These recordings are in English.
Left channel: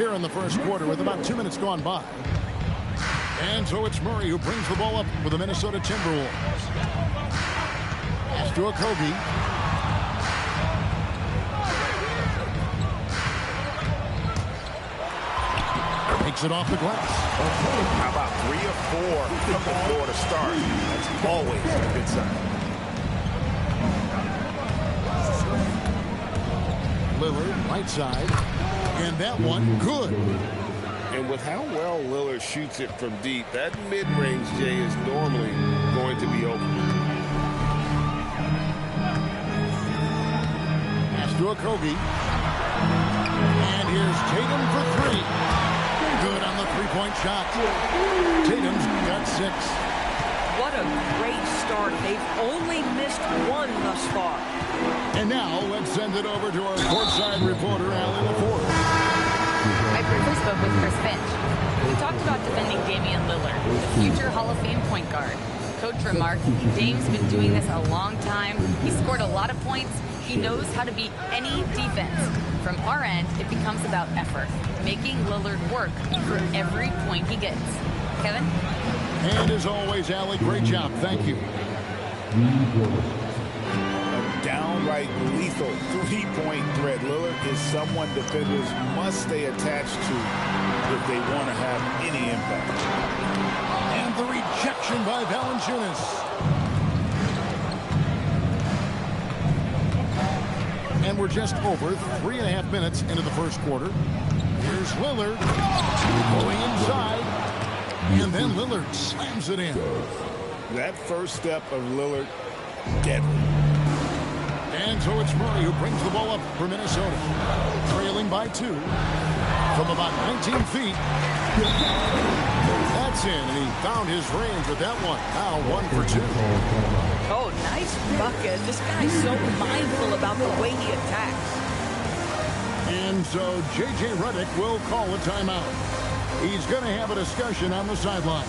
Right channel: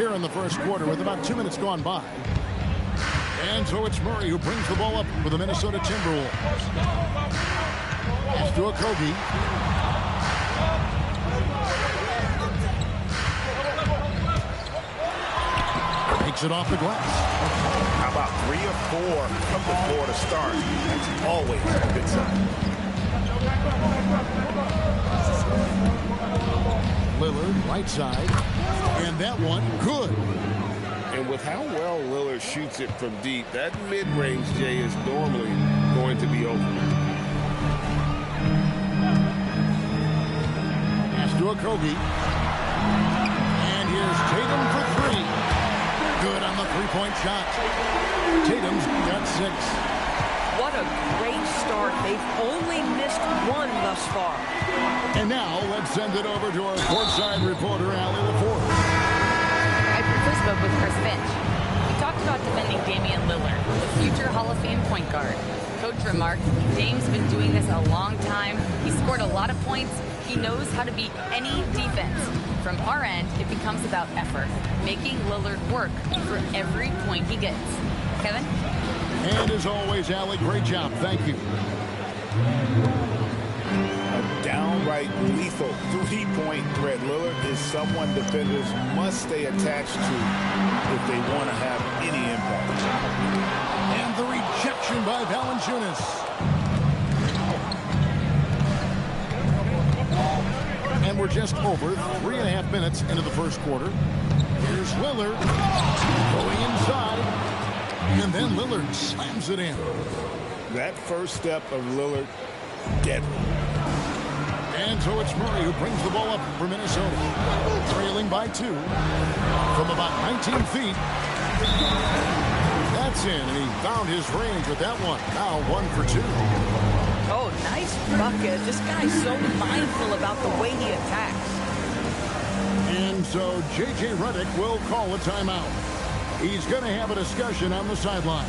here in the first quarter with about 2 minutes gone by. And so it's Murray who brings the ball up for the Minnesota Timberwolves. Pass to Okogie. Takes it off the glass. How about 3 or 4 from the floor to start? That's always a good sign. Lillard, right side. And that one, good. And with how well Lillard shoots it from deep, that mid-range, Jay, is normally going to be open. Pass to Okogie. And here's Tatum for 3. Good on the three-point shot. Tatum's got 6. What a great start. They've only missed 1 thus far. And now let's send it over to our courtside reporter, Allie LaForge. I briefly spoke with Chris Finch. We talked about defending Damian Lillard, the future Hall of Fame point guard. Coach remarked, Dame's been doing this a long time. He scored a lot of points. He knows how to beat any defense. From our end, it becomes about effort, making Lillard work for every point he gets. Kevin? And as always, Allie, great job. Thank you. A downright lethal three-point threat. Lillard is someone defenders must stay attached to if they want to have any impact. And the rejection by Valanciunas. And we're just over 3.5 minutes into the first quarter. Here's Lillard going inside. And then Lillard slams it in. That first step of Lillard, deadly. And so it's Murray who brings the ball up for Minnesota. Trailing by 2 from about 19 feet. That's in, and he found his range with that one. Now 1 for 2. Oh, nice bucket. This guy's so mindful about the way he attacks. And so J.J. Redick will call a timeout. He's going to have a discussion on the sideline.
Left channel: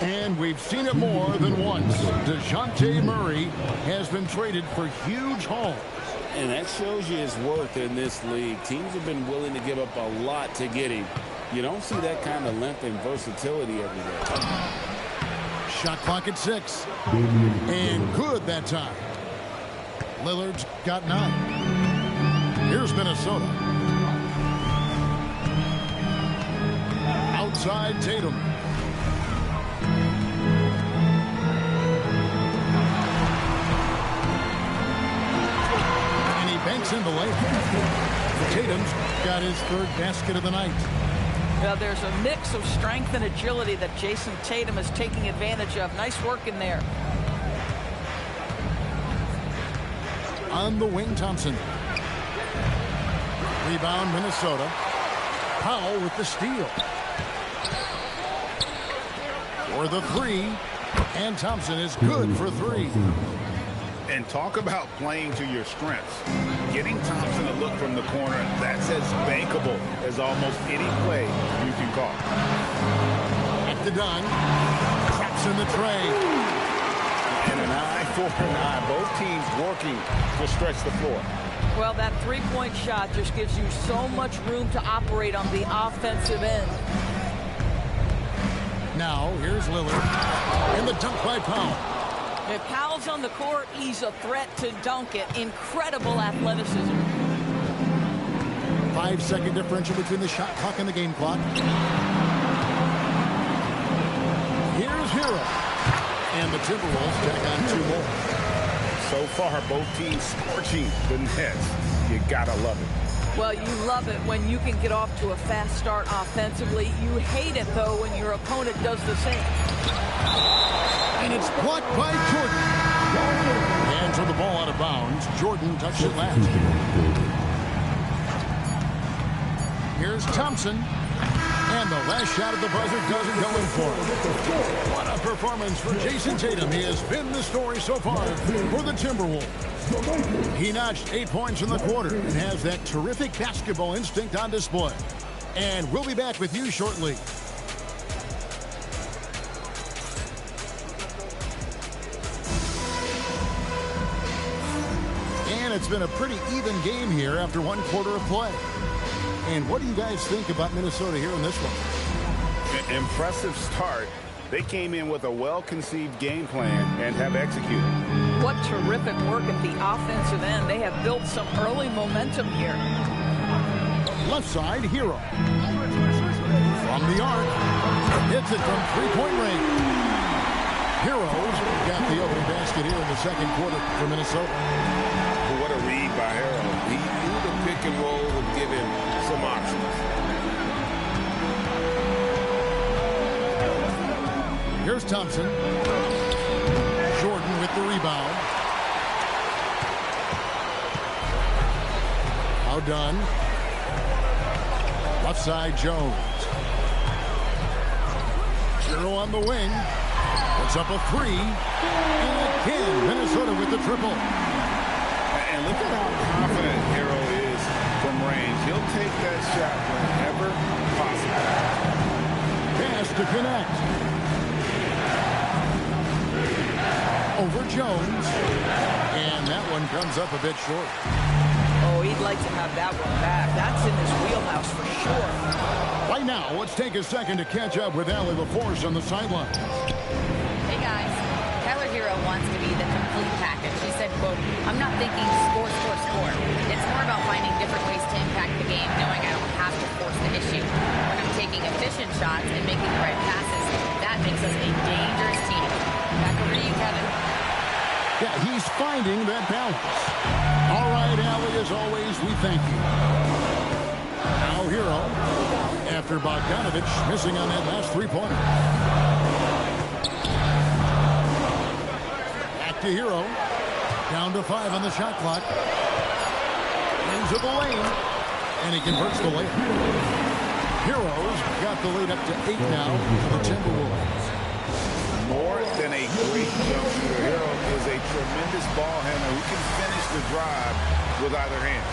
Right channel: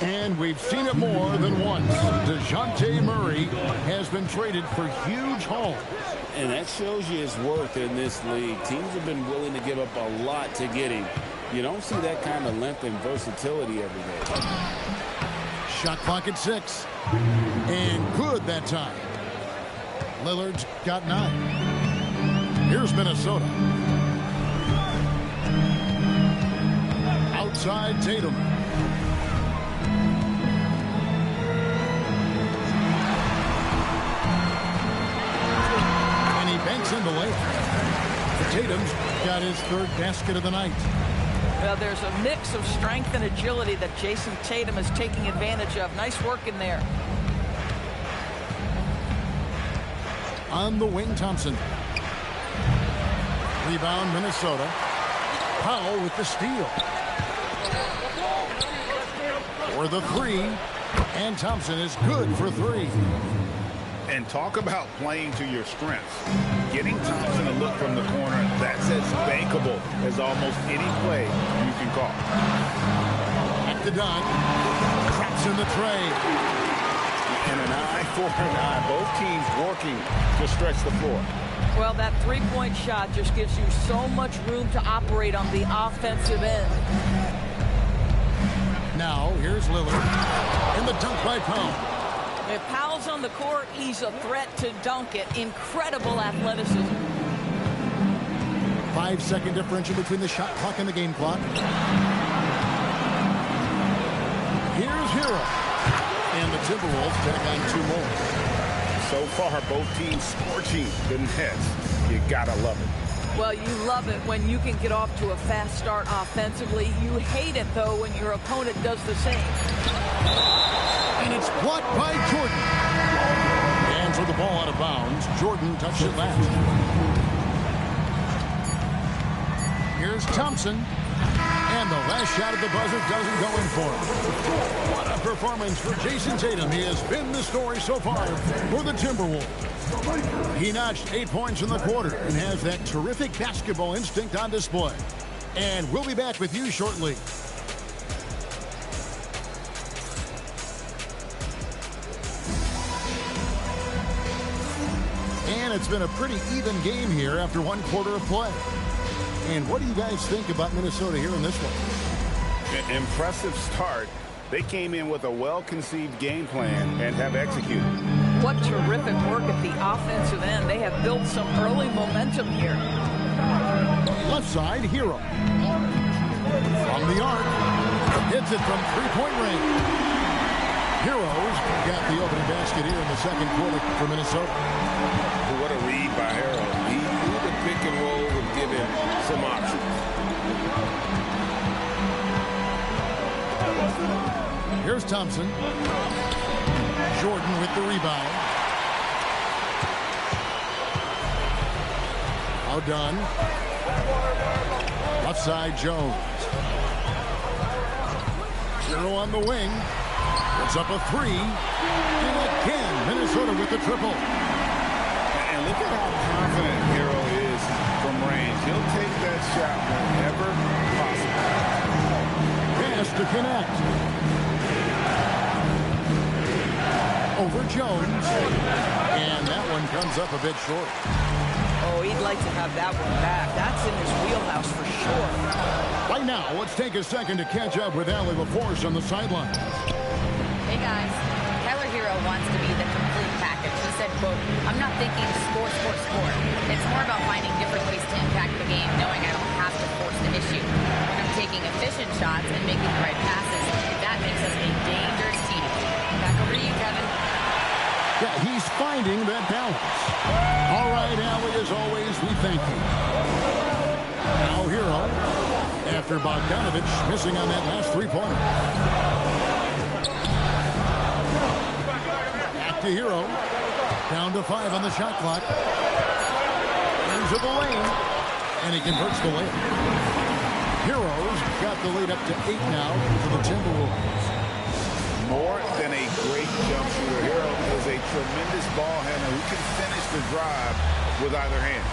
And we've seen it more than once. DeJounte Murray has been traded for huge hauls. And that shows you his worth in this league. Teams have been willing to give up a lot to get him. You don't see that kind of length and versatility every day. Shot clock at 6. And good that time. Lillard's got 9. Here's Minnesota. Outside Tatum. And he banks in the layup. Tatum's got his 3rd basket of the night. Now there's a mix of strength and agility that Jason Tatum is taking advantage of. Nice work in there. On the wing, Thompson. Rebound, Minnesota. Powell with the steal. For the 3. And Thompson is good for 3. And talk about playing to your strengths. Getting Thompson a look from the corner, that's as bankable as almost any play you can call. At the dunk. Traps in the tray. And an eye for an eye. Both teams working to stretch the floor. Well, that three-point shot just gives you so much room to operate on the offensive end. Now, here's Lillard. And the dunk by Powell. If Powell's on the court, he's a threat to dunk it. Incredible athleticism. 5-second differential between the shot clock and the game clock. Here's Hero. And the Timberwolves tack on 2 more. So far, both teams scorching the nets. You gotta love it. Well, you love it when you can get off to a fast start offensively. You hate it, though, when your opponent does the same. And it's blocked by Jordan. And for the ball out of bounds, Jordan touched it last. Here's Thompson. And the last shot at the buzzer doesn't go in for him. What a performance for Jason Tatum. He has been the story so far for the Timberwolves. He notched 8 points in the quarter and has that terrific basketball instinct on display. And we'll be back with you shortly. And it's been a pretty even game here after one quarter of play. And what do you guys think about Minnesota here in this one? Impressive start. They came in with a well-conceived game plan and have executed. What terrific work at the offensive end. They have built some early momentum here. Left side, Hero. From the arc. Hits it from three-point range. Heroes got the opening basket here in the second quarter for Minnesota. What a read by Hero. He knew the pick and roll would give him some options. Here's Thompson. Jordan with the rebound. Now done. Left side, Jones. Hero on the wing. Puts up a three. And again, Minnesota with the triple. And look at how confident Hero is from range. He'll take that shot whenever possible. Pass to connect. Over Jones. And that one comes up a bit short. Oh, he'd like to have that one back. That's in his wheelhouse for sure. Right now, let's take a second to catch up with Allie LaForce on the sidelines. Hey, guys. Tyler Hero wants to be the complete package. He said, quote, "I'm not thinking score, score, score. It's more about finding different ways to impact the game, knowing I don't have to force the issue. When I'm taking efficient shots and making the right passes, that makes us a dangerous team." Back over to you, Kevin. Yeah, he's finding that balance. All right, Allie, as always, we thank you. Now Hero, after Bogdanovich missing on that last three-pointer. Back to Hero. Down to 5 on the shot clock. Into the lane. And he converts the layup. Heroes got the lead up to 8 now for the Timberwolves. More than a great jump shooter, Hero is a tremendous ball handler who can finish the drive with either hand.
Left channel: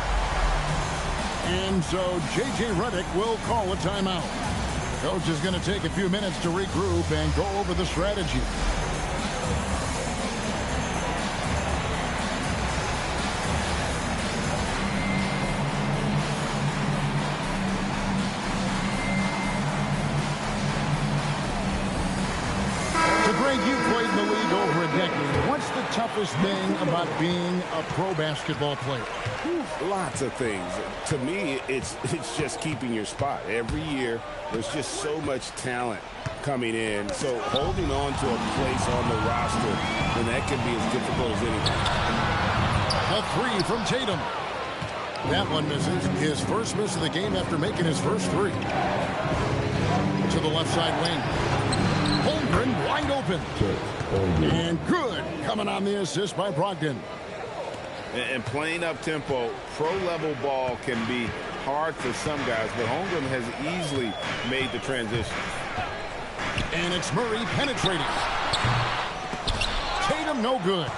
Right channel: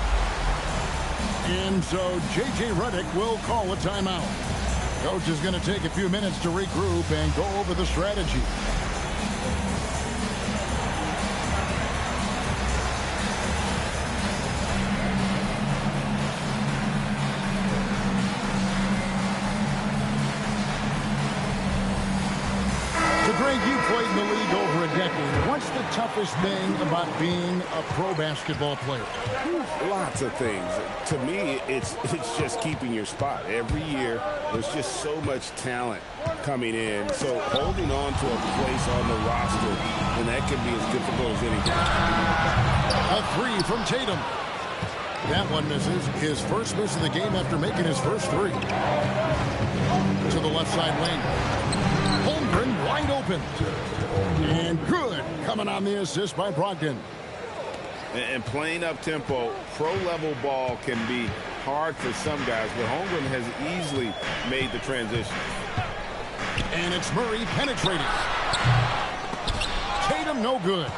And so J.J. Redick will call a timeout. Coach is going to take a few minutes to regroup and go over the strategy. So, Greg, you played in the league over a decade. What's the toughest thing about being a pro basketball player? Lots of things. To me, it's just keeping your spot. Every year, there's just so much talent coming in. So holding on to a place on the roster, and that can be as difficult as anything. A three from Tatum. That one misses. His first miss of the game after making his first three. To the left side wing. Holmgren wide open. And good coming on the assist by Brogdon. And playing up tempo, pro-level ball can be hard for some guys, but Holmgren has easily made the transition. And it's Murray penetrating. Tatum no good.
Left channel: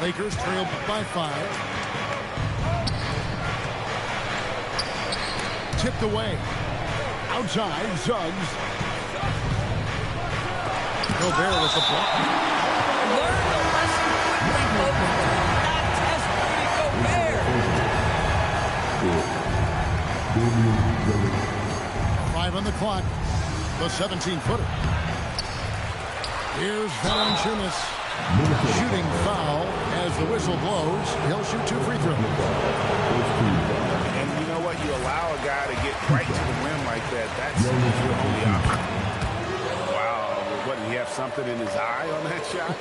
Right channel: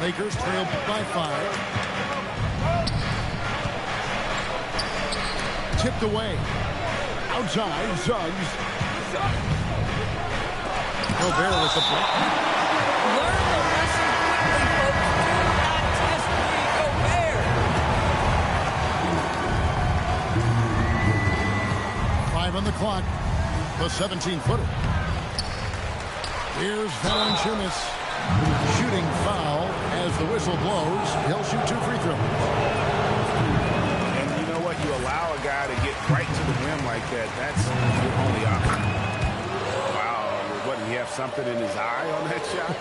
Lakers trail by 5. Tipped away. Outside, Suggs. Gobert with the block. Learn the lesson quickly, folks. Do not test Rudy Gobert. 5 on the clock. The 17-footer. Here's Valanciunas. Shooting foul as the whistle blows. He'll shoot 2 free throws. And you know what? You allow a guy to get right to the rim like that. That's your only option. Wow. What, did he have something in his eye on that shot?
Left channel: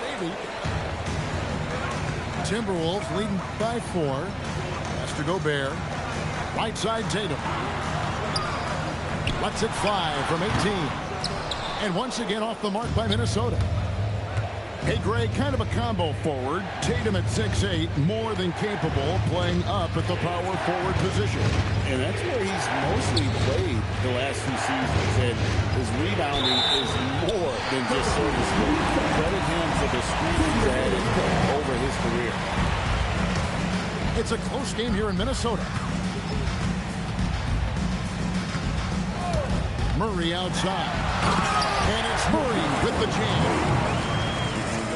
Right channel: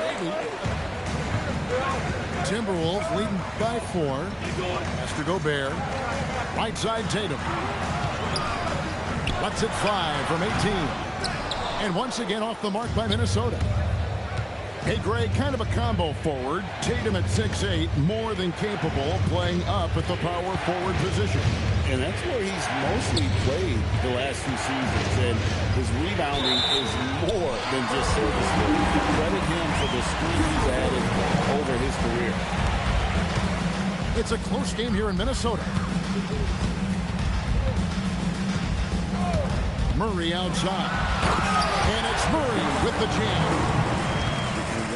Maybe. Timberwolves leading by 4. Pass to Gobert. Right side Tatum. Lets it fly from 18. And once again off the mark by Minnesota. Hey, Greg, kind of a combo forward. Tatum at 6'8", more than capable of playing up at the power forward position. And that's where he's mostly played the last few seasons. And his rebounding is more than just serviceable. Credit him for the speed he's added over his career. It's a close game here in Minnesota. Murray outside. And it's Murray with the jam.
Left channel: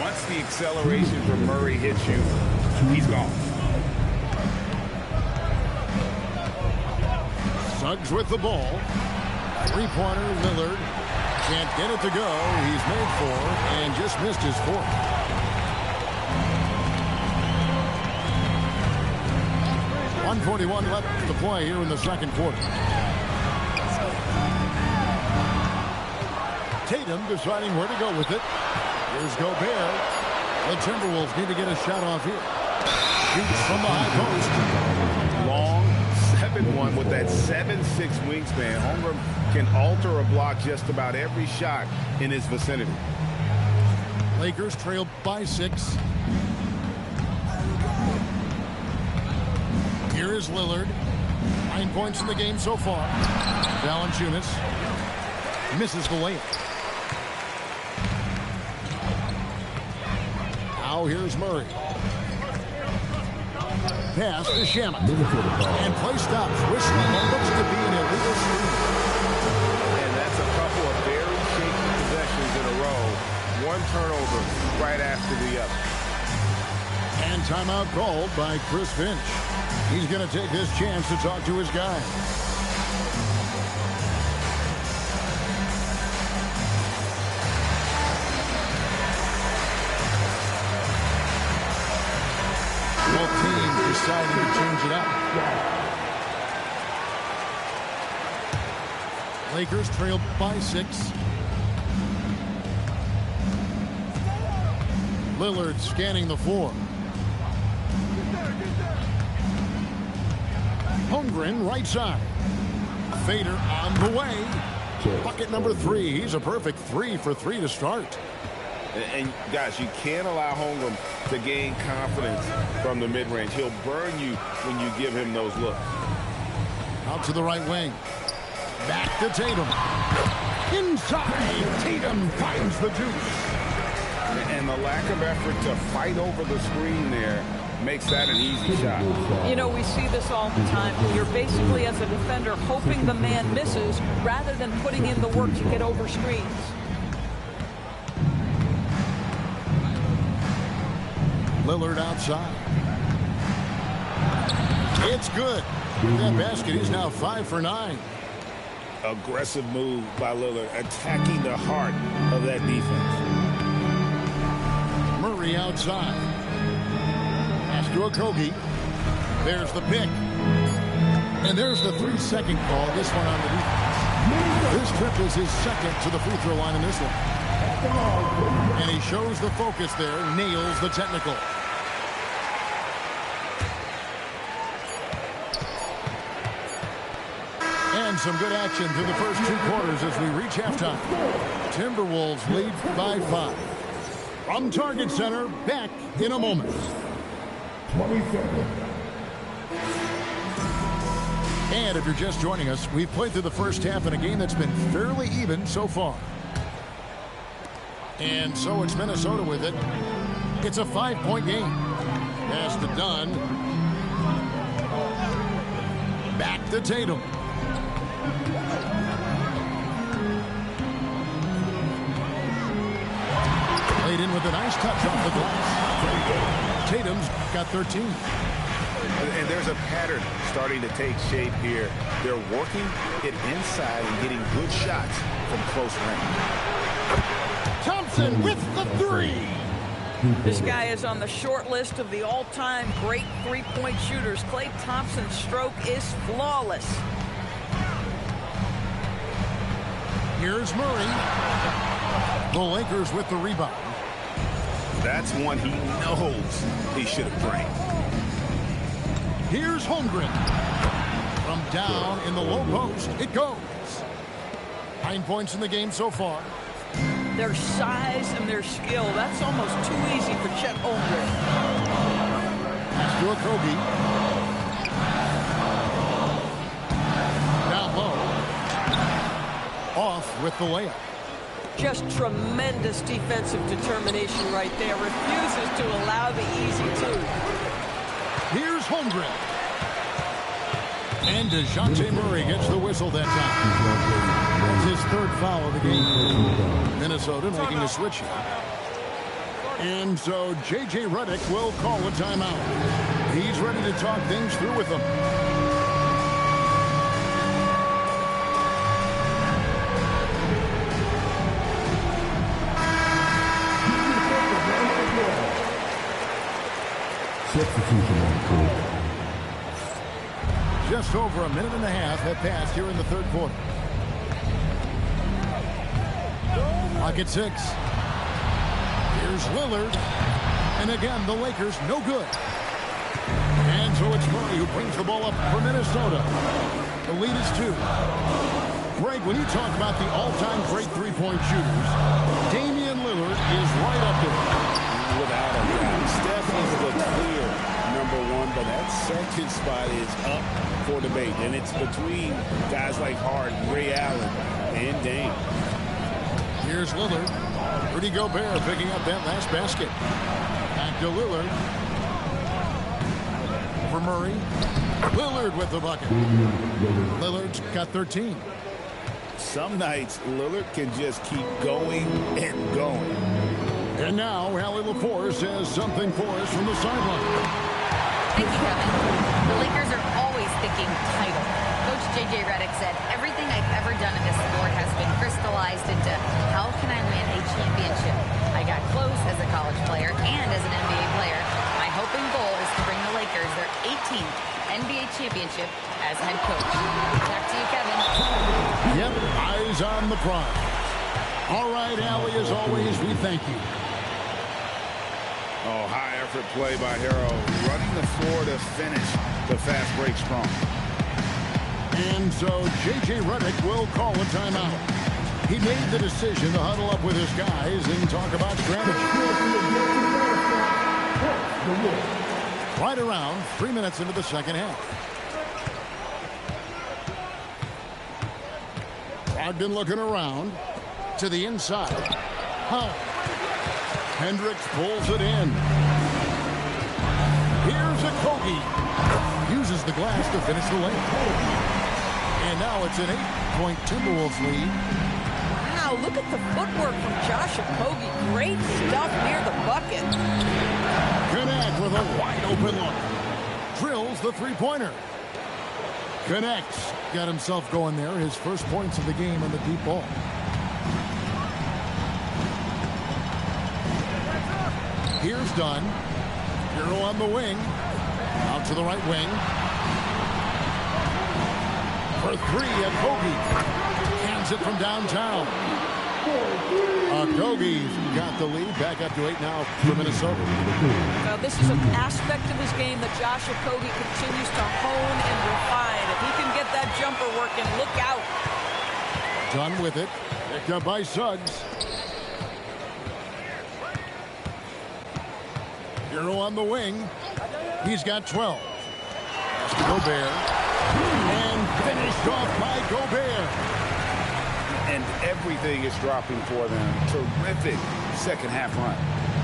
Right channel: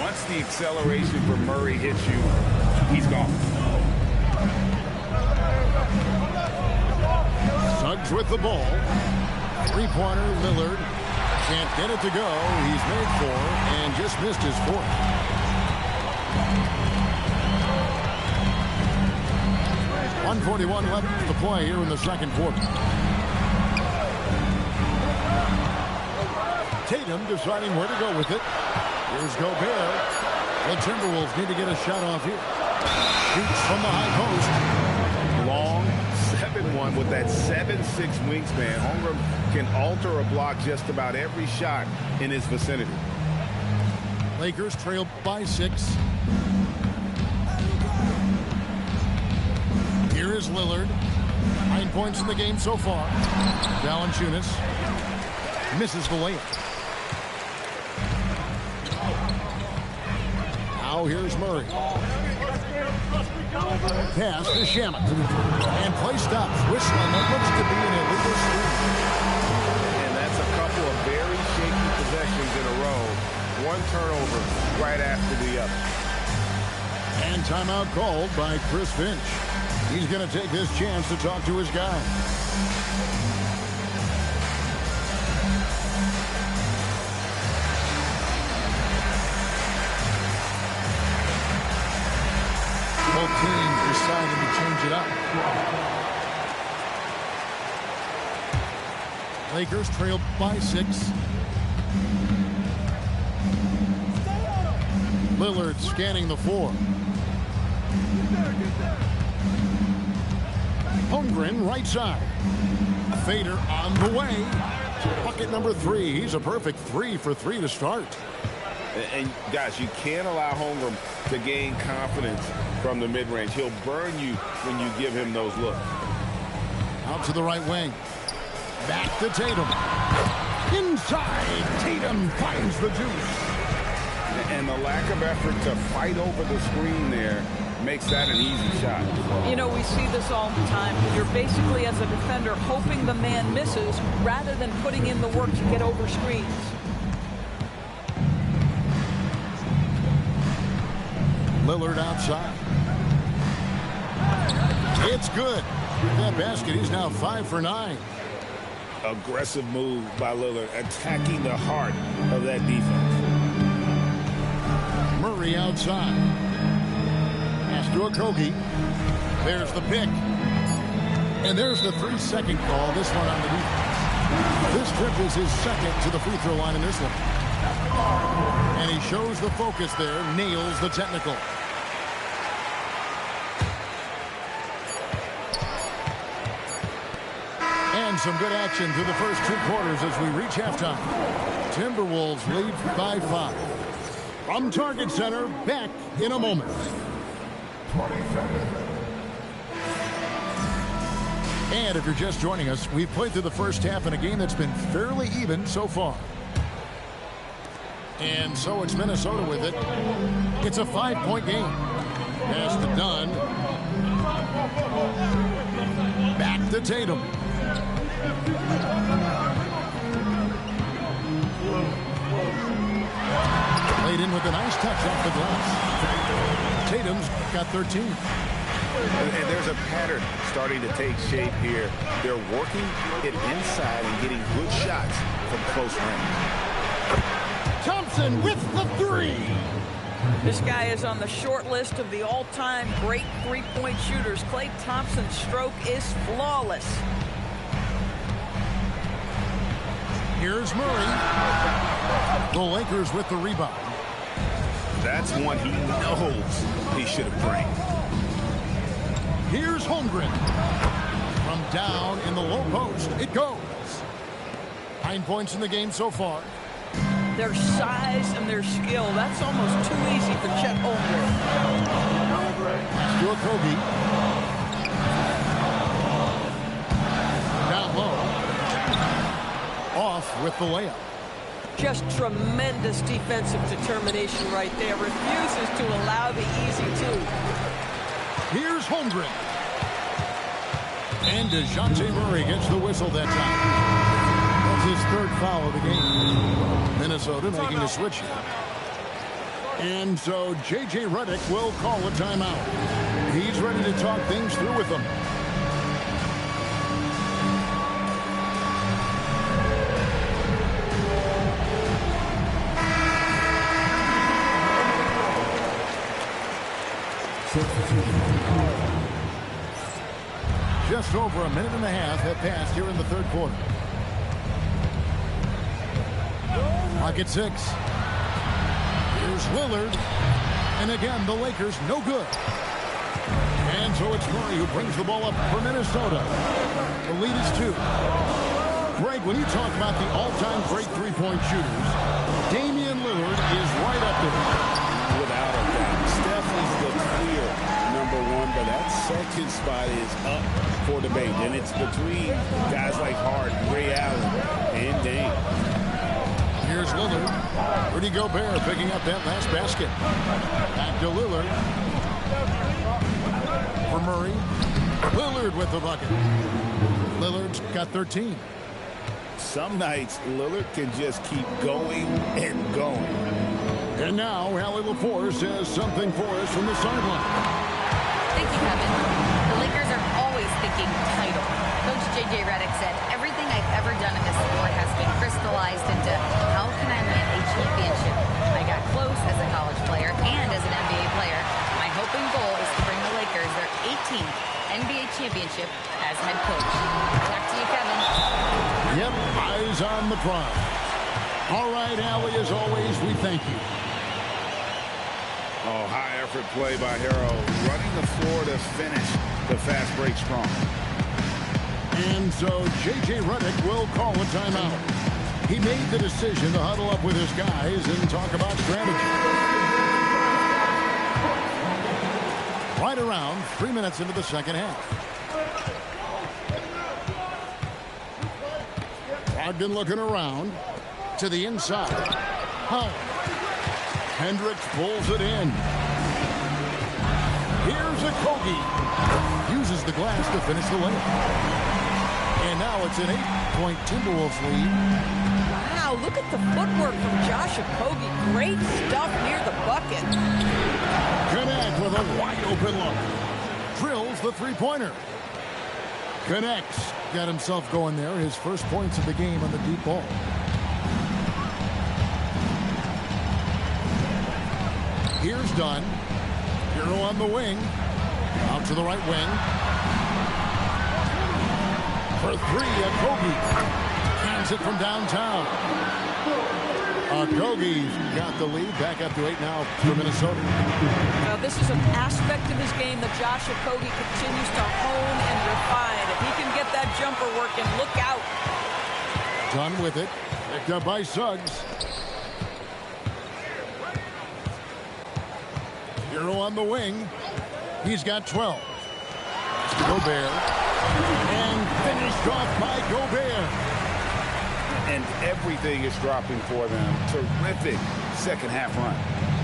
Once the acceleration for Murray hits you, he's gone. Suggs with the ball. Three-pointer, Lillard. Can't get it to go. He's made 4 and just missed his 4th. .141 left to play here in the second quarter. Tatum deciding where to go with it. Here's Gobert. The Timberwolves need to get a shot off here. Shoots from the high post. Long 7-1 with that 7'6" wingspan. Holmgren can alter a block just about every shot in his vicinity. Lakers trail by 6. Here is Lillard. 9 points in the game so far. Valanciunas misses the layup. Now here's Murray. Pass to Shamet. And play stops. Whistling what looks to be an illegal screen. And that's a couple of very shaky possessions in a row. One turnover right after the other. And timeout called by Chris Finch. He's going to take this chance to talk to his guys. Both teams deciding to change it up. Lakers trail by 6. Lillard scanning the floor. Holmgren right side. Fader on the way. Bucket number 3. He's a perfect 3 for 3 to start. And guys, you can't allow Holmgren to gain confidence from the mid-range. He'll burn you when you give him those looks. Out to the right wing. Back to Tatum. Inside. Tatum finds the deuce. And the lack of effort to fight over the screen there makes that an easy shot. You know, we see this all the time. You're basically, as a defender, hoping the man misses rather than putting in the work to get over screens. Lillard outside. It's good. With that basket, he's now 5 for 9. Aggressive move by Lillard, attacking the heart of that defense. Murray outside. Pass to Okogie. There's the pick. And there's the 3-second call. This one on the defense. This trip is his second to the free throw line in this one. And he shows the focus there. Nails the technical. And some good action through the first 2 quarters as we reach halftime. Timberwolves lead by 5. From Target Center, back in a moment. 20 seconds. And if you're just joining us, we've played through the first half in a game that's been fairly even so far. And so it's Minnesota with it. It's a 5-point game. Pass to Dunn. Back to Tatum. Played in with a nice touch off the glass. Tatum's got 13. And there's a pattern starting to take shape here. They're working it inside and getting good shots from close range. Thompson with the 3. This guy is on the short list of the all-time great three-point shooters. Klay Thompson's stroke is flawless. Here's Murray. The Lakers with the rebound. That's one he knows he should have drained. Here's Holmgren. From down in the low post, it goes. 9 points in the game so far. Their size and their skill, that's almost too easy for Chet Holmgren. Pass to Okogie. Down low. Off with the layup. Just tremendous defensive determination right there. Refuses to allow the easy 2. Here's Holmgren. And DeJounte Murray gets the whistle that time. That's his 3rd foul of the game. Minnesota making a switch here. And so J.J. Redick will call a timeout. He's ready to talk things through with them. Just over a minute and a half have passed here in the third quarter. Clock at 6. Here's Lillard. And again, the Lakers no good. And so it's Murray who brings the ball up for Minnesota. The lead is 2. Greg, when you talk about the all-time great three-point shooters, Damian Lillard is right up there. Without a doubt. Steph is the clear #1, but that second spot is up for debate. And it's between guys like Harden, Ray Allen, and Dame. Here's Lillard. Rudy Gobert picking up that last basket. Back to Lillard. For Murray. Lillard with the bucket. Lillard's got 13. Some nights, Lillard can just keep going and going. And now, Allie LaForce has something for us from the sideline. Thank you, Kevin. The Lakers are always thinking title. Coach J.J. Redick said, everything I've ever done in this sport has been crystallized into how can I win a championship? I got close as a college player and as an NBA player. My hope and goal is to bring the Lakers their 18th NBA championship as head coach. Back to you, Kevin. Yep, eyes on the prize. All right, Allie, as always, we thank you. Oh, high effort play by Harrell, running the floor to finish the fast break strong. And so J.J. Redick will call a timeout. He made the decision to huddle up with his guys and talk about strategy. Right around 3 minutes into the second half. Brogdon looking around to the inside. Howell. Hendricks pulls it in. Here's Okogie. Uses the glass to finish the layup. And now it's an 8-point Timberwolves lead. Wow, look at the footwork from Josh Okogie. Great stuff near the bucket. Connect with a wide open look. Drills the three-pointer. Connects. Got himself going there. His first points of the game on the deep ball. Here's Dunn. Hero on the wing. Out to the right wing. For 3, Okogie. Cans it from downtown. Okogie's got the lead. Back up to 8 now for Minnesota. Now, this is an aspect of his game that Josh Okogie continues to hone and refine. If he can get that jumper working, look out. Dunn with it. Picked up by Suggs. Hero on the wing. He's got 12. Pass to Gobert. And finished off by Gobert. And everything is dropping for them. Terrific second half run.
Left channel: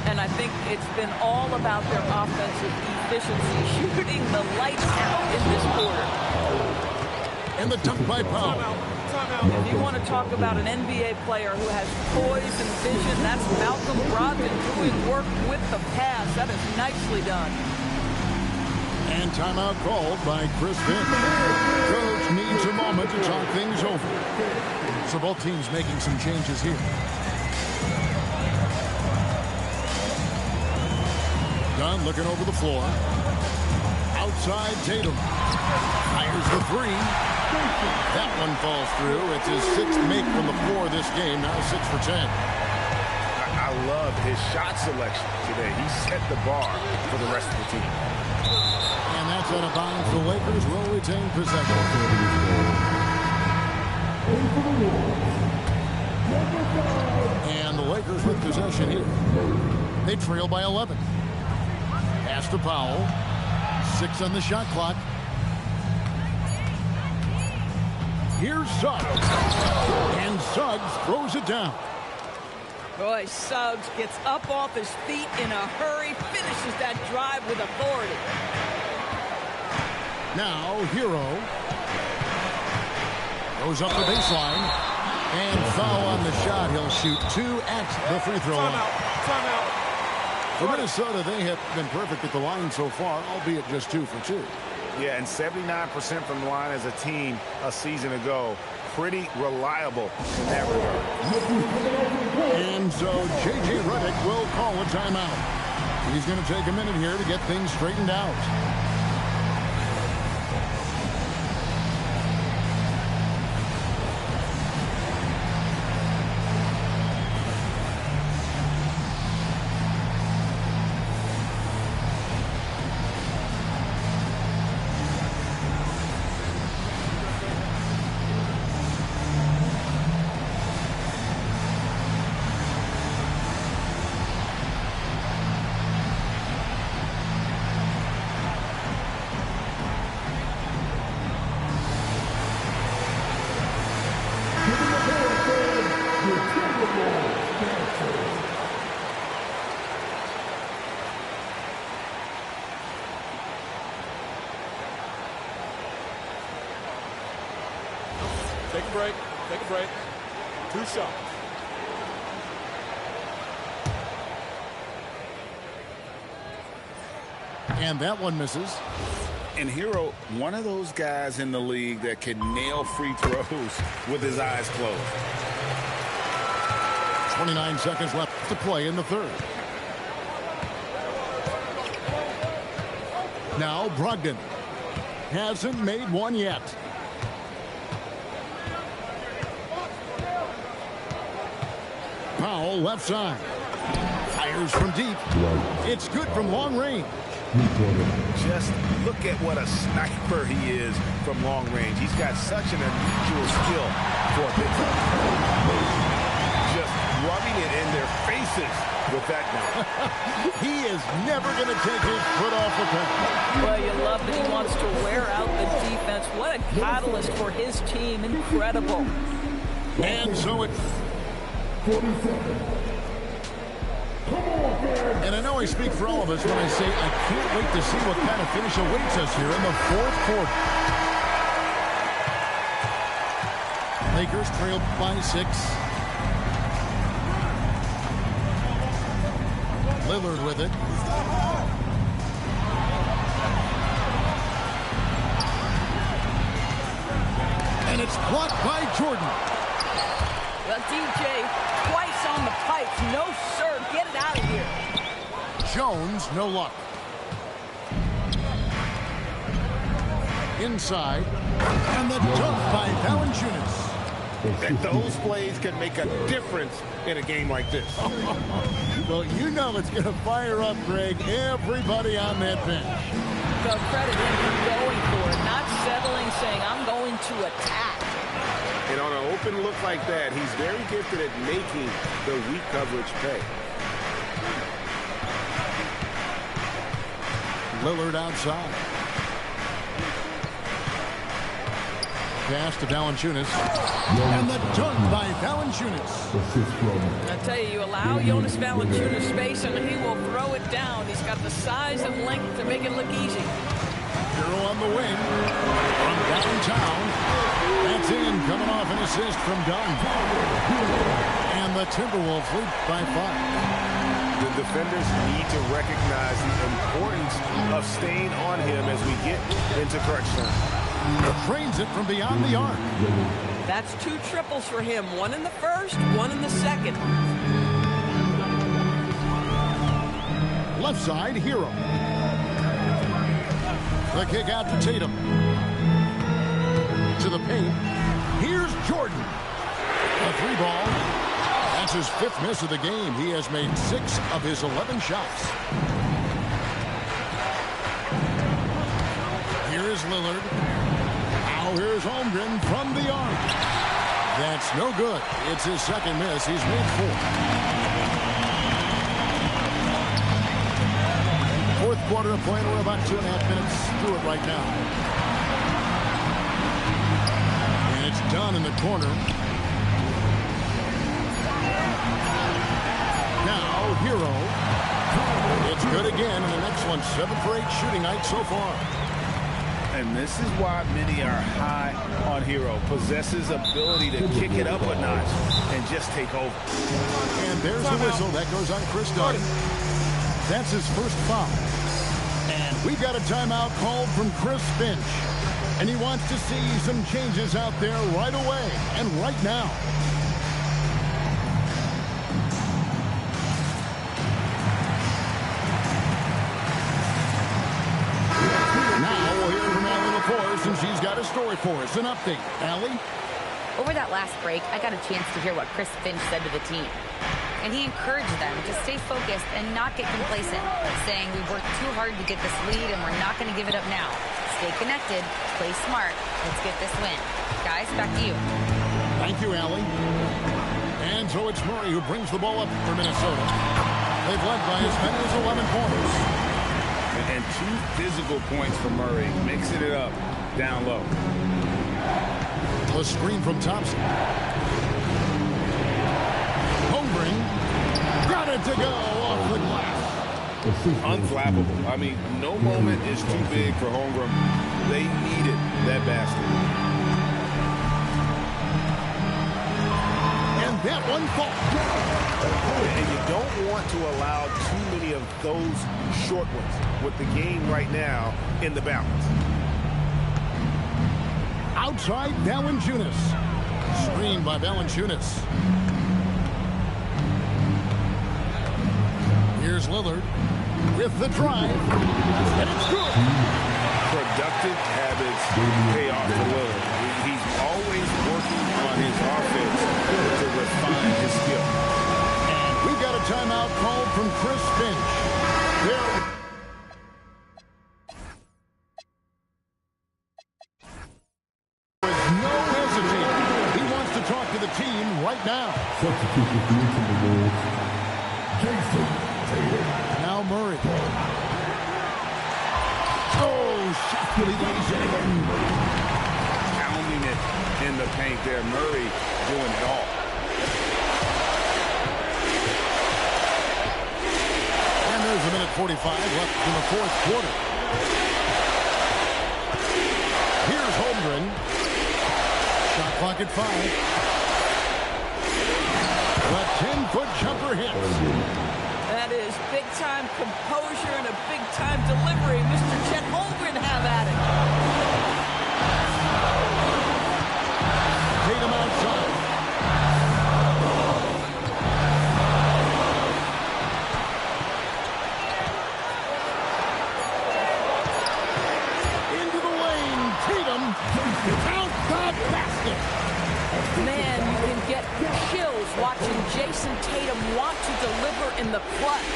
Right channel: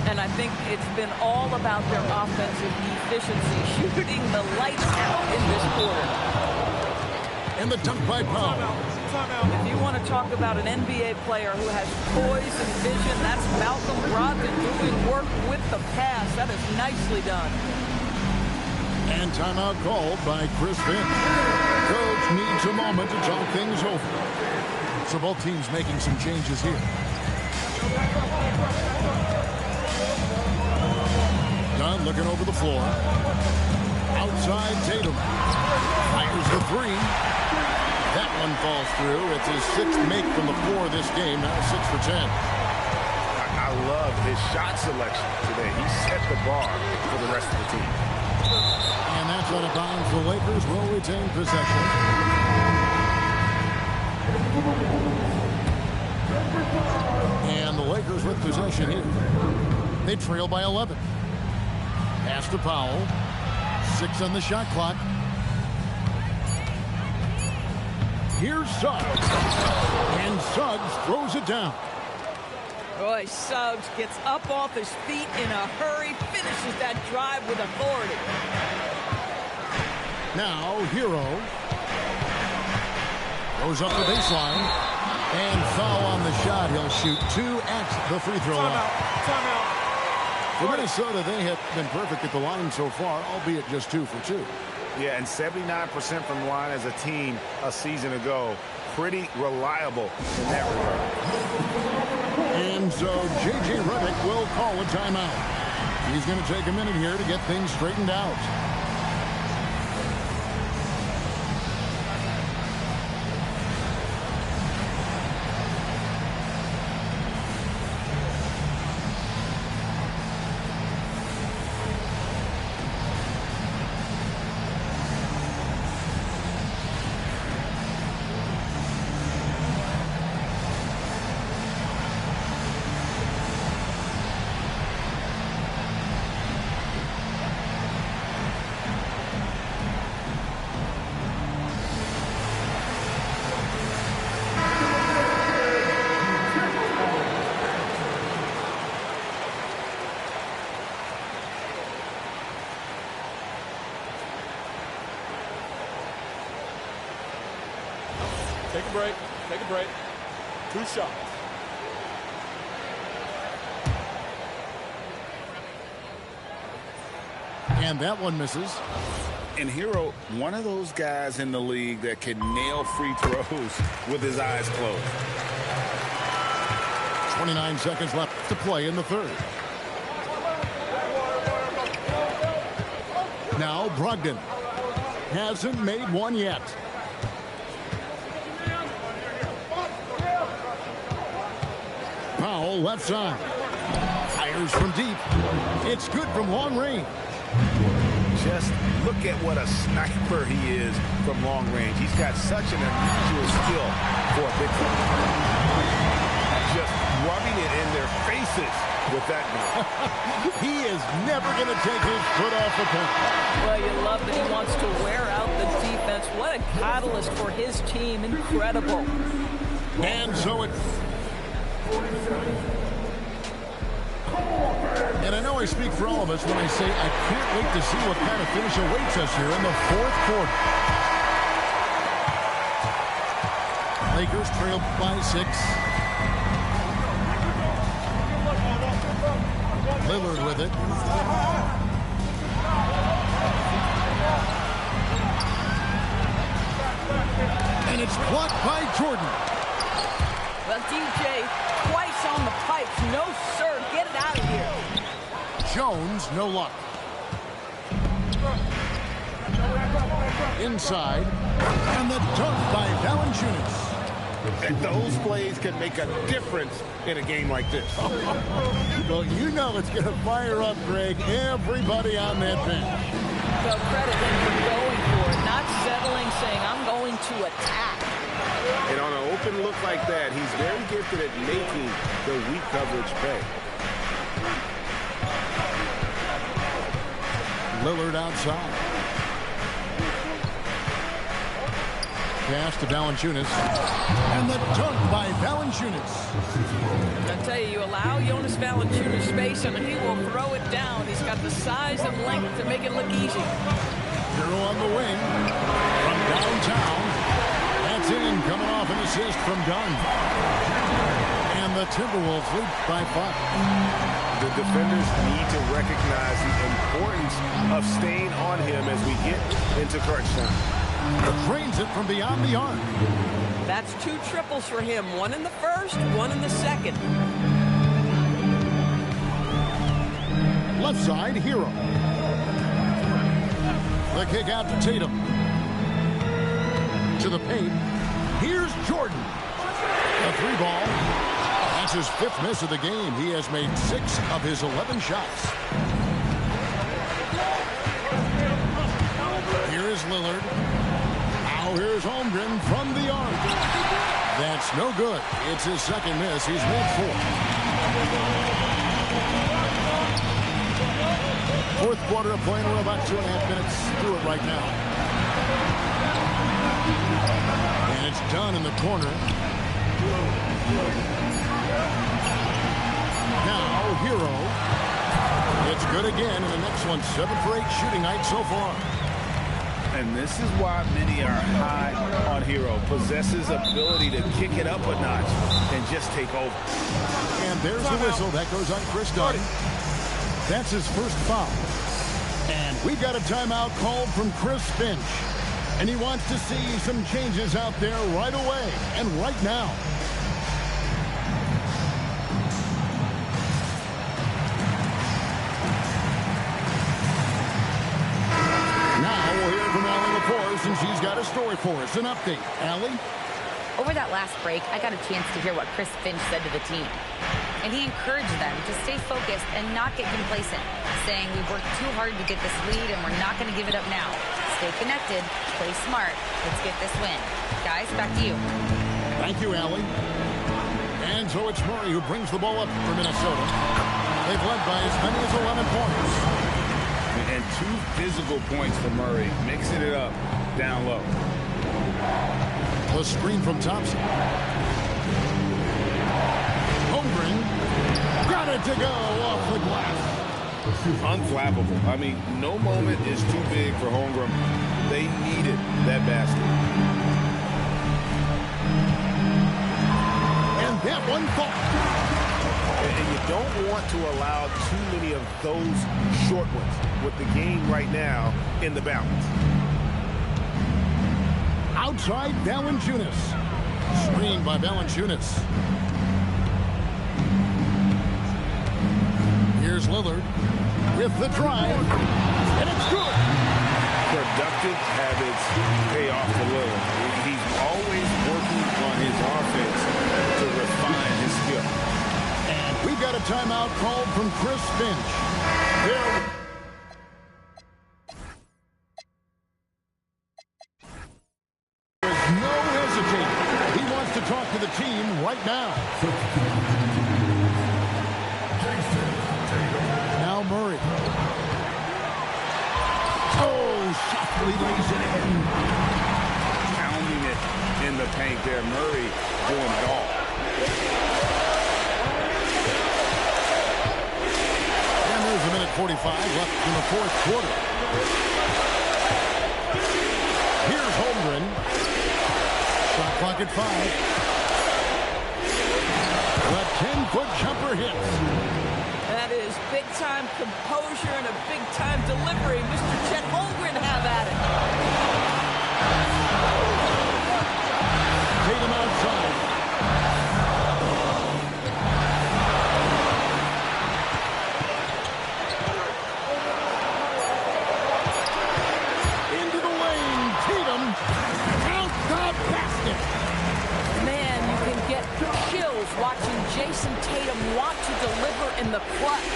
And I think it's been all about their offensive efficiency, shooting the lights out in this quarter. And the dunk by Powell. If you want to talk about an NBA player who has poise and vision, that's Malcolm Brogdon doing work with the pass. That is nicely done. And timeout called by Chris Finch. Coach needs a moment to talk things over. So both teams making some changes here. Dunn looking over the floor. Outside Tatum. Fires the 3. That one falls through. It's his 6th make from the floor this game. Now 6 for 10. I love his shot selection today. He set the bar for the rest of the team. And that's out of bounds. The Lakers will retain possession. And the Lakers with possession here. They trail by 11. Pass to Powell. 6 on the shot clock. Here's Suggs. And Suggs throws it down. Boy, Suggs gets up off his feet in a hurry, finishes that drive with authority. Now, Hero goes up the baseline. And foul on the shot. He'll shoot 2 at the free throw line. Timeout. For Minnesota, they have been perfect at the line so far, albeit just 2 for 2. Yeah, and 79% from the line as a team a season ago. Pretty reliable in that regard. And so J.J. Redick will call a timeout. He's going to take a minute here to get things straightened out. Take a break. Take a break. 2 shots. And that one misses. And Hero, one of those guys in the league that can nail free throws with his eyes closed. 29 seconds left to play in the third. Now Brogdon hasn't made one yet. Powell left side. Fires from deep. It's good from long range. Just look at what a sniper he is from long range. He's got such an unusual skill for a big fella. Just rubbing it in their faces with that now. He is never going to take his foot off the pedal. Well, you love that he wants to wear out the defense. What a catalyst for his team. Incredible. And so it's 47. And I know I speak for all of us when I say I can't wait to see what kind of finish awaits us here in the fourth quarter. Lakers trail by 6. Lillard with it. And it's blocked by Jordan. Well, DJ, twice on the pipes. No, sir. Get it out of here. Jones, no luck. Inside. And the dunk by Valanciunas. And those plays can make a difference in a game like this. Well, you know it's going to fire up, Greg, everybody on that bench. Well, credit him for going for it, not settling, saying, I'm going to attack. And on an open look like that, he's very gifted at making the weak coverage pay. Lillard outside. Pass to Valanciunas. And the dunk by Valanciunas. I tell you, you allow Jonas Valanciunas space and he will throw it down. He's got the size and length to make it look easy. Hero on the wing from downtown. That's in, coming off an assist from Dunn. And the Timberwolves lead by 5. The defenders need to recognize the importance of staying on him as we get into crunch time. Drains it from beyond the arc. That's 2 triples for him. 1 in the first, 1 in the second. Left side, Hero. The kick out to Tatum. To the paint. Here's Jordan. A 3 ball. That's his 5th miss of the game. He has made 6 of his 11 shots. Here is Lillard. Now here's Holmgren from the arc. That's no good. It's his 2nd miss. He's made 4. 4th quarter of play, and we're about 2.5 minutes through it right now. And it's done in the corner. Now, Hero. It's good again, and an excellent 7 for 8 shooting night so far. And this is why many are high on Hero. Possesses ability to kick it up a notch and just take over. And there's the whistle. That goes on Chris Dunn. That's his first foul. And we've got a timeout called from Chris Finch. And he wants to see some changes out there right away and right now. Now we'll hear from Allie LaForce, and she's got a story for us. An update. Allie? Over that last break, I got a chance to hear what Chris Finch said to the team. And he encouraged them to stay focused and not get complacent, saying we've worked too hard to get this lead and we're not going to give it up now. Stay connected, play smart, let's get this win. Guys, back to you. Thank you, Allie. And so it's Murray who brings the ball up for Minnesota. They've led by as many as 11 points. And 2 physical points for Murray, mixing it up down low. The screen from Thompson. Holmgren got it to go off the glass. Unflappable. I mean, no moment is too big for Holmgren. They needed that basket. And that one falls. And you don't want to allow too many of those short ones with the game right now in the balance. Outside, Valanciunas. Screen by Valanciunas. Here's Lillard with the drive, and it's good. Productive habits pay off for Lillard. He's always working on his offense to refine his skill. And we've got a timeout called from Chris Finch. There was no hesitating. He wants to talk to the team right now. Now Murray. Oh, softly lays it in. Pounding it in the paint there. Murray doing it all. And there's a minute 45 left in the fourth quarter. Here's Holmgren. Shot clock at 5. The 10-foot jumper hits. That is big-time composure and a big-time delivery. Mr. Chet Holmgren have at it. Tatum outside. Into the lane. Tatum. Count the basket. Man, you can get chills watching Jason Tatum want to deliver in the clutch.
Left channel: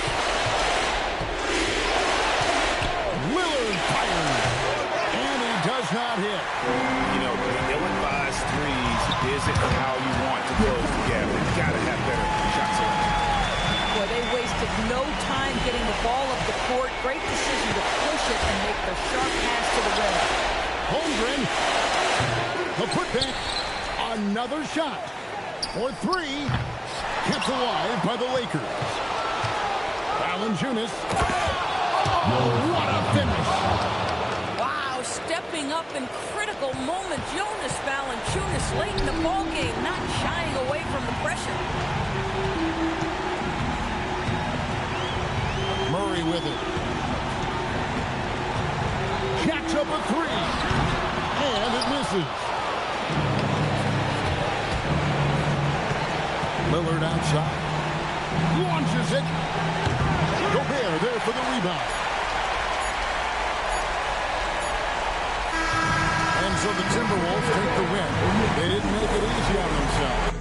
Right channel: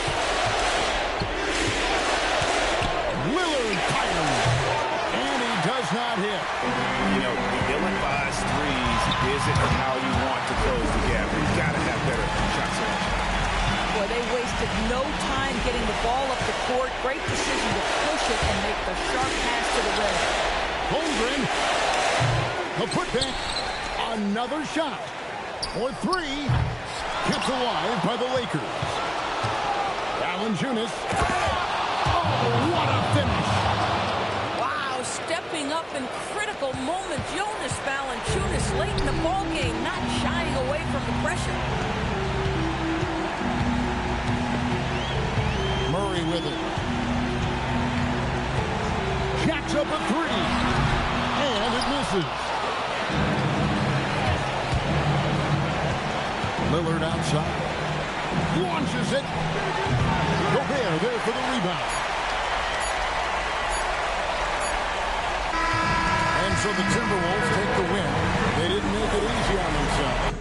Lillard fires. And he does not hit. You know, the ill-advised threes isn't how you want to close the gap. You've got to have better shot selection. Boy, they wasted no time getting the ball up the court. Great decision to push it and make the sharp pass to the rim. Holmgren. The putback. Another shot. For 3. Kept alive by the Lakers. Valanciunas. Oh, what a finish. Wow, stepping up in critical moments. Jonas Valanciunas late in the ballgame, not shying away from the pressure. Murray with it. Jacks up a 3. And it misses. Lillard outside. Launches it. Gobert there for the rebound. And so the Timberwolves take the win. They didn't make it easy on themselves.